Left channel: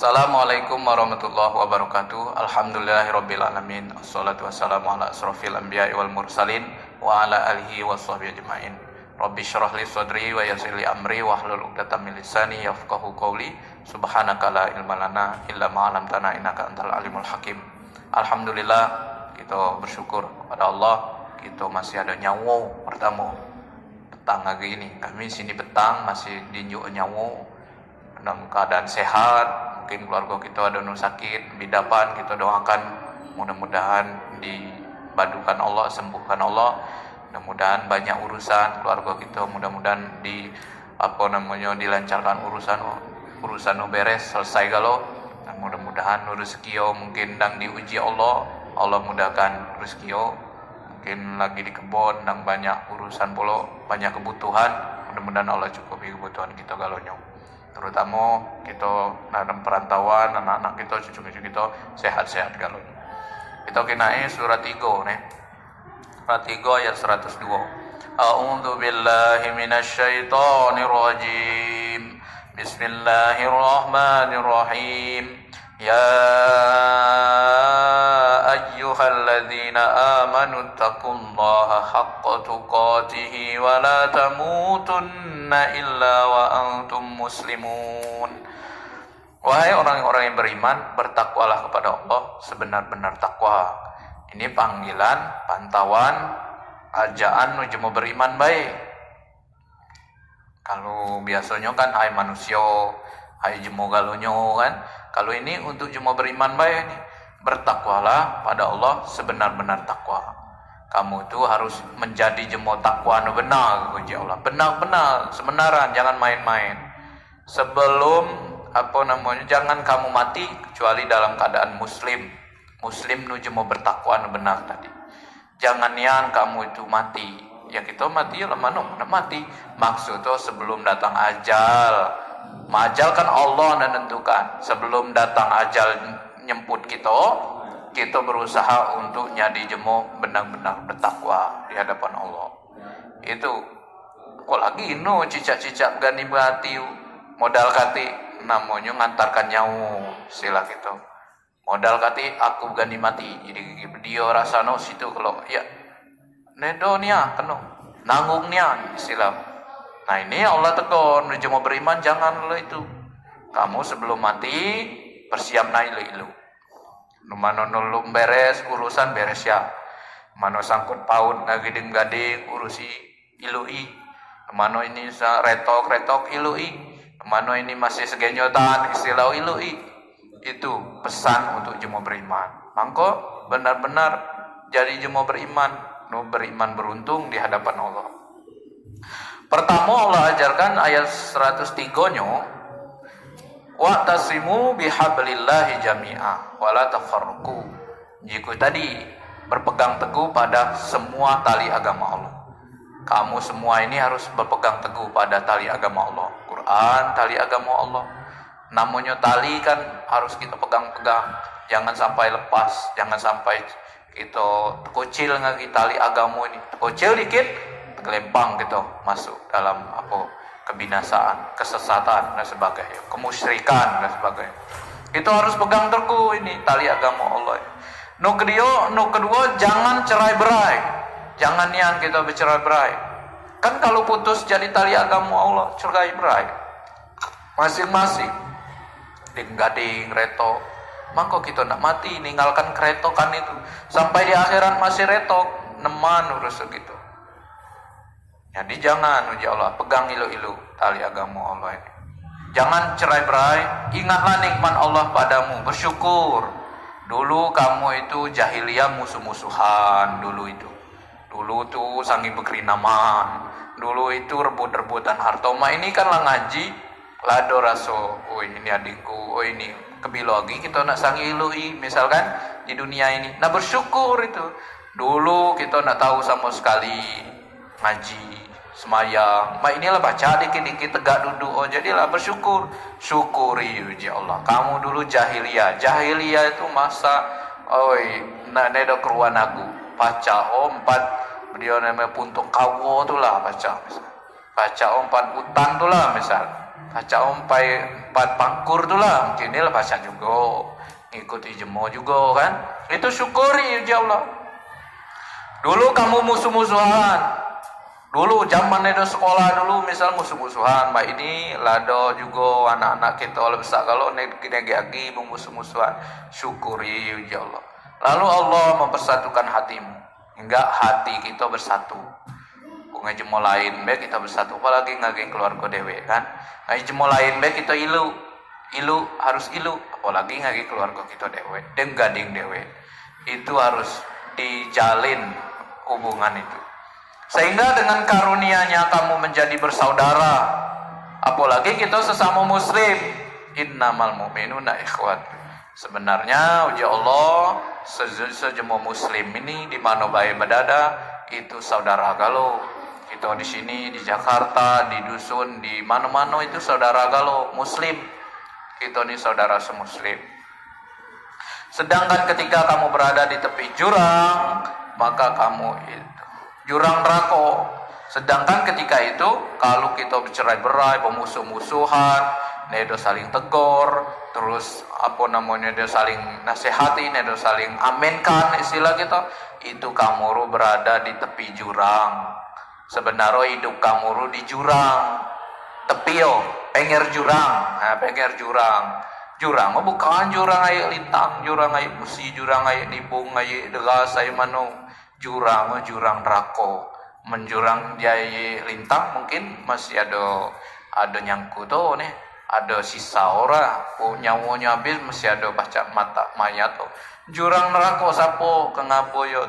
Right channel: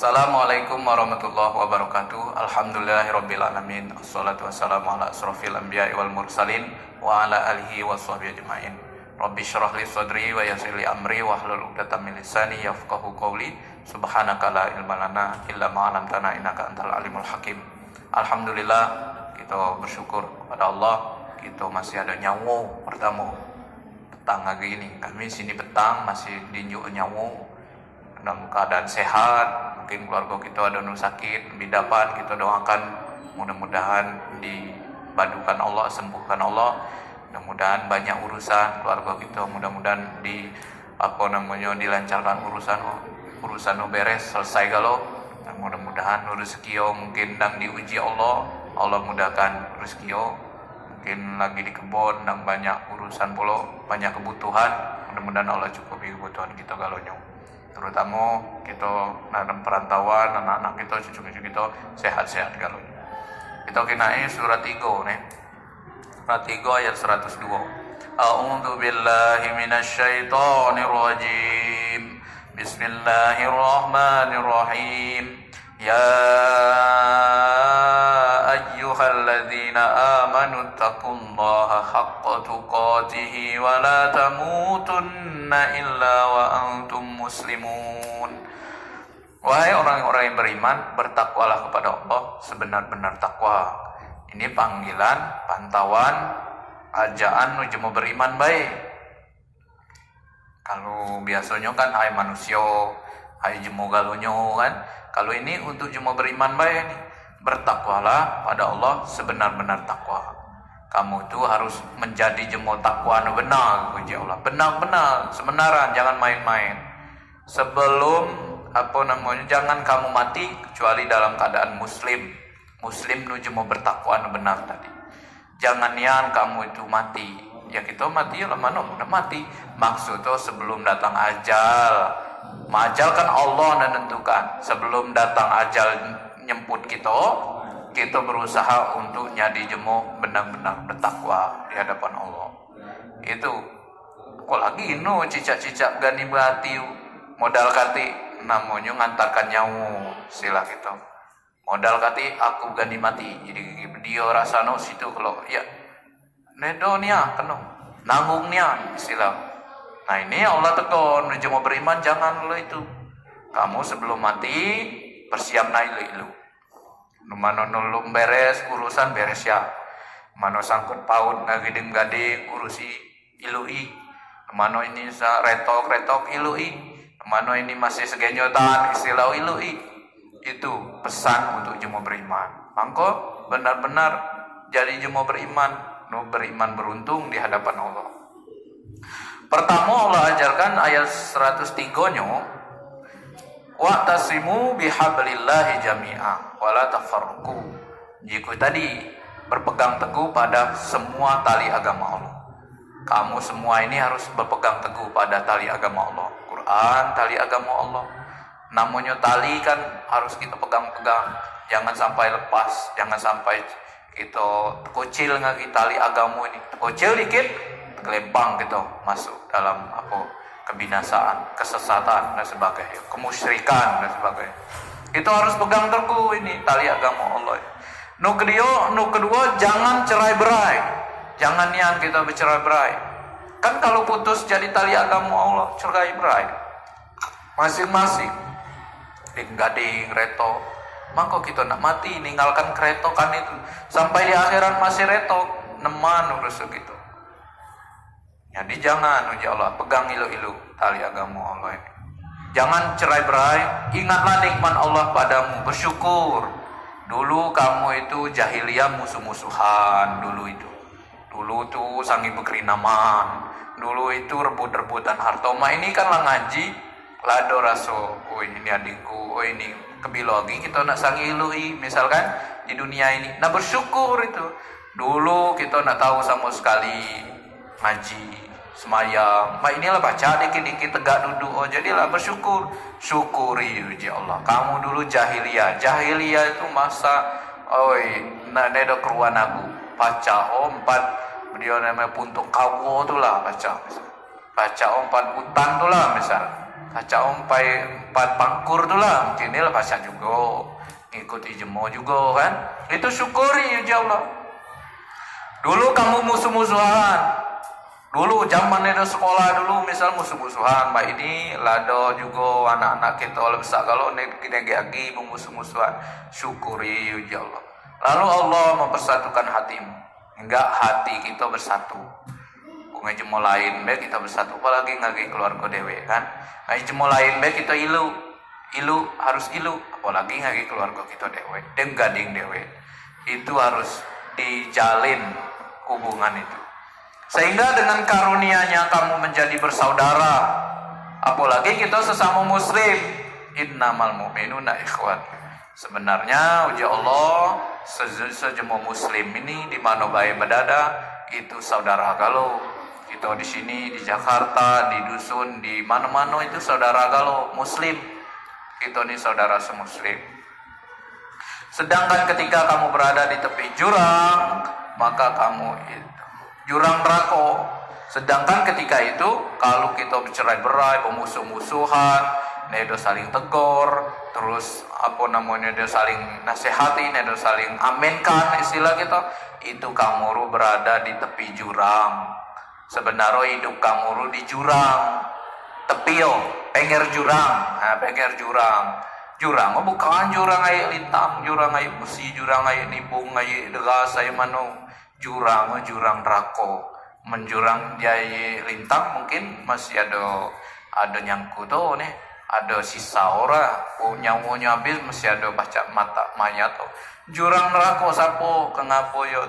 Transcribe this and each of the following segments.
Assalamualaikum warahmatullahi wabarakatuh. Alhamdulillahirabbil alamin. Wassalatu wassalamu ala asrofil anbiya'i wal mursalin wa ala alihi washabbihi ajmain. Rabbi shrah li sadri wa yassir li amri wahlul 'uqdatam min lisani yafqahu qawli. Subhanaka la ilma lana illa ma 'allamtana innaka antal alimul hakim. Alhamdulillah, kita bersyukur kepada Allah, kita masih ada nyawa pertama. Petang lagi ini, kami sini petang masih dinjuk nyawa dalam keadaan sehat. Mungkin keluarga kita ada yang sakit, bidapan, kita doakan mudah-mudahan dibadukan Allah, sembuhkan Allah. Mudah-mudahan banyak urusan keluarga kita, mudah-mudahan dilancarkan urusan beres selesai kalau. Dan mudah-mudahan rezeki mungkin dan diuji Allah mudahkan rezeki. Mungkin lagi di kebun dan banyak urusan pula, banyak kebutuhan, mudah-mudahan Allah cukupi kebutuhan kita galonyo. Terutama kita dalam perantauan, anak-anak kita, cucu-cucu kita sehat-sehat kalau. Kita kenai surat 3 nih. Surat 3 ayat 102. A'udzu billahi minasyaitonir rajim. Bismillahirrahmanirrahim. Ya ayyuhalladzina amanu taqullaha haqqa tuqatih wa la tamutunna illa wa antum muslimun. Wahai orang-orang yang beriman, bertakwalah kepada Allah sebenar-benar takwa. Ini panggilan, pantauan, ajaan menuju beriman baik. Kalau biasanya kan hai manusia, hai jemo galonyo kan. Kalau ini untuk jemo beriman baik nih. Bertakwalah pada Allah sebenar-benar takwa. Kamu itu harus menjadi jemo takwa benar kepada Allah. Benar-benar, sebenaran, jangan main-main. Sebelum jangan kamu mati kecuali dalam keadaan muslim. Muslim nuju mau bertakwa benar tadi. Jangan yang kamu itu mati. Ya kita mati lah mana mati. Maksudnya sebelum datang ajal. Ajal kan Allah yang menentukan. Sebelum datang ajal nyemput kita berusaha untuk nyadi jemo benar-benar bertakwa di hadapan Allah. Itu kok lagi cicak-cicak gani berhati modal kati namanya ngantarkan nyawa sila gitu. Modal kati aku gani mati. Jadi dia rasano situ kalau ya nedonya kena nanggungnya sila. Nah ini Allah tegur menuju mau beriman jangan lo itu. Kamu sebelum mati bersiap naik ilu. Mana nulung beres urusan beres ya. Mana sangkut paut lagi gading urusi ilui. Mana ini retok ilui. Mana ini masih segenyotan istilah ilui. Itu pesan untuk jemaah beriman. Mangko benar-benar jadi jemaah beriman, beriman beruntung di hadapan Allah. Pertama Allah ajarkan ayat 103-nya, wa'tasimu bihablillahi jami'a wa la tafarraqu. Jika tadi berpegang teguh pada semua tali agama Allah. Kamu semua ini harus berpegang teguh pada tali agama Allah. Quran, tali agama Allah. Namanya tali kan harus kita pegang-pegang. Jangan sampai lepas, jangan sampai kita kecil lagi tali agama ini. Kecil dikit, kelempang gitu masuk dalam kebinasaan, kesesatan dan sebagainya, kemusyrikan dan sebagainya. Itu harus pegang teguh ini tali agama Allah. No kedua jangan cerai-berai. Jangan yang kita bercerai-berai. Kan kalau putus jadi tali agama Allah, cerai-berai. Masing-masing gading reto. Maka kita nak mati ninggalkan keretokan itu sampai di akhirat masih retok, neman urus gitu. Jadi jangan ya Allah pegang ilu-ilu tali agama Allah. Jangan cerai-berai. Ingatlah nikmat Allah padamu, bersyukur. Dulu kamu itu jahiliyah musuh-musuhan dulu itu. Dulu tuh sangi berkerinaman. Dulu itu rebut-rebutan hartoma. Ini kan lah ngaji, lado raso. Oh ini adikku, oh ini kebilo lagi kita nak sangi ilui misalkan di dunia ini. Nah bersyukur itu. Dulu kita nak tahu sama sekali ngaji, semayang. Inilah baca dikit-dikit tegak duduk. Oh jadilah bersyukur. Syukuri ya Allah. Kamu dulu jahiliyah. Jahiliyah itu masa nak ada keruan aku. Baca empat dia namanya puntuk kawo tu lah baca. Baca empat hutan tu lah misal. Baca empat pat pangkur tuh lah, mungkin lah bahasa juga, ngikuti jemo juga kan, itu syukuri ya Allah. Dulu kamu musuh-musuhan, dulu zaman itu sekolah dulu misal musuh-musuhan, mbak ini lado juga anak-anak kita oleh besar kalau kita lagi musuh-musuhan, syukuri ya Allah. Lalu Allah mempersatukan hatimu, enggak hati kita bersatu. Bunga jemo lain baik kita bersatu, apalagi ngagi keluarga dewe kan. Ngagi jemo lain baik kita ilu harus ilu, apalagi ngagi keluarga kita dewe, gading dewe. Itu harus dijalin hubungan itu. Sehingga dengan karunia-Nya kamu menjadi bersaudara. Apalagi kita sesama muslim. Innamal mu'minuna ikhwan. Sebenarnya uji Allah sejemo muslim ini di mana baik berdada itu saudara galau. Kita di sini di Jakarta, di dusun, di mana-mana itu saudara galau muslim. Kita ini saudara semuslim. Sedangkan ketika kamu berada di tepi jurang, maka kamu itu jurang neraka. Sedangkan ketika itu kalau kita bercerai-berai, pemusuh-musuhan, itu saling tegur, terus itu saling nasihati, itu saling aminkan istilah kita, itu kamu berada di tepi jurang. Sebenarnya hidup kamu di jurang, tepi pinggir jurang, pinggir jurang. Jurang bukan jurang air lintang, jurang air besi, jurang air nipung, air degas, air mano. Jurang neraka. Menjurang jaya lintang mungkin masih ada nyangkut nih, ada sisa ora, nyawanya habis masih ada baca mata mayat Jurang neraka sapo kenapa yo?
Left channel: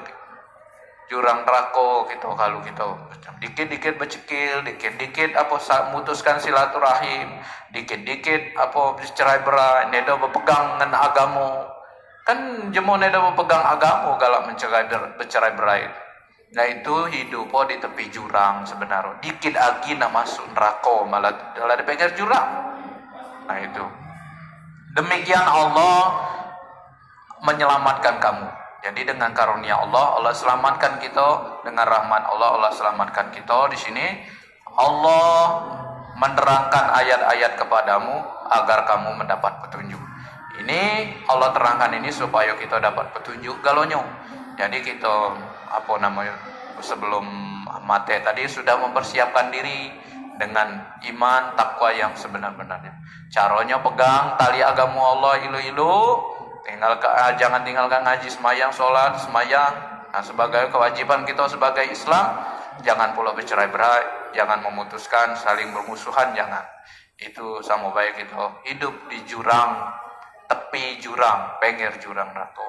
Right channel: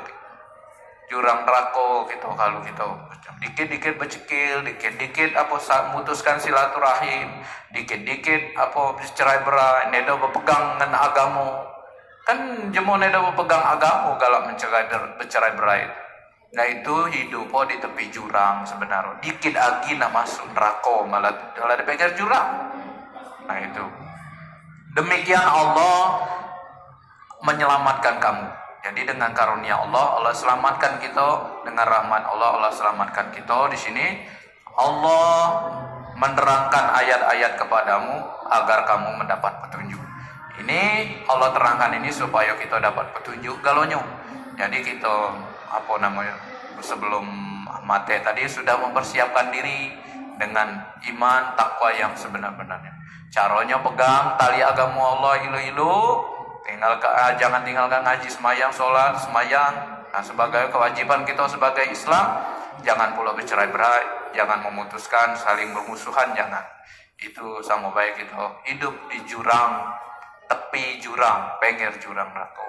Jurang neraka gitu kalau gitu. Dikit-dikit becekil, dikit-dikit mutuskan silaturahim, dikit-dikit cerai-berai, nedo berpegang dengan agama. Kan jemo nedo berpegang agama kalau bercerai-berai. Nah itu hidup di tepi jurang sebenarnya. Dikit lagi nak masuk neraka malah di pinggir jurang. Nah itu. Demikian Allah menyelamatkan kamu. Jadi dengan karunia Allah selamatkan kita, dengan rahmat Allah selamatkan kita. Di sini Allah menerangkan ayat-ayat kepadamu agar kamu mendapat petunjuk. Ini Allah terangkan ini supaya kita dapat petunjuk galonyo. Jadi kita sebelum mati tadi sudah mempersiapkan diri dengan iman takwa yang sebenar-benarnya. Caranya pegang tali agama Allah ilu-ilu. Jangan tinggalkan ngaji, semayang, sholat, semayang. Nah, sebagai kewajiban kita sebagai Islam, jangan pula bercerai-berai, jangan memutuskan saling bermusuhan, jangan. Itu sama baik kita hidup di jurang, tepi jurang, pinggir jurang neraka.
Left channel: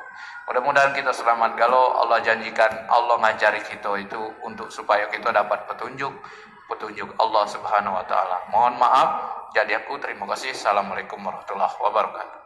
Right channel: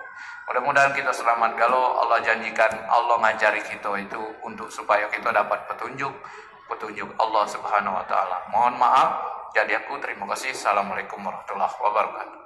Mudah-mudahan kita selamat. Kalau Allah janjikan, Allah ngajari kita itu untuk supaya kita dapat petunjuk Allah Subhanahu wa taala. Mohon maaf, jadi aku terima kasih. Assalamualaikum warahmatullahi wabarakatuh.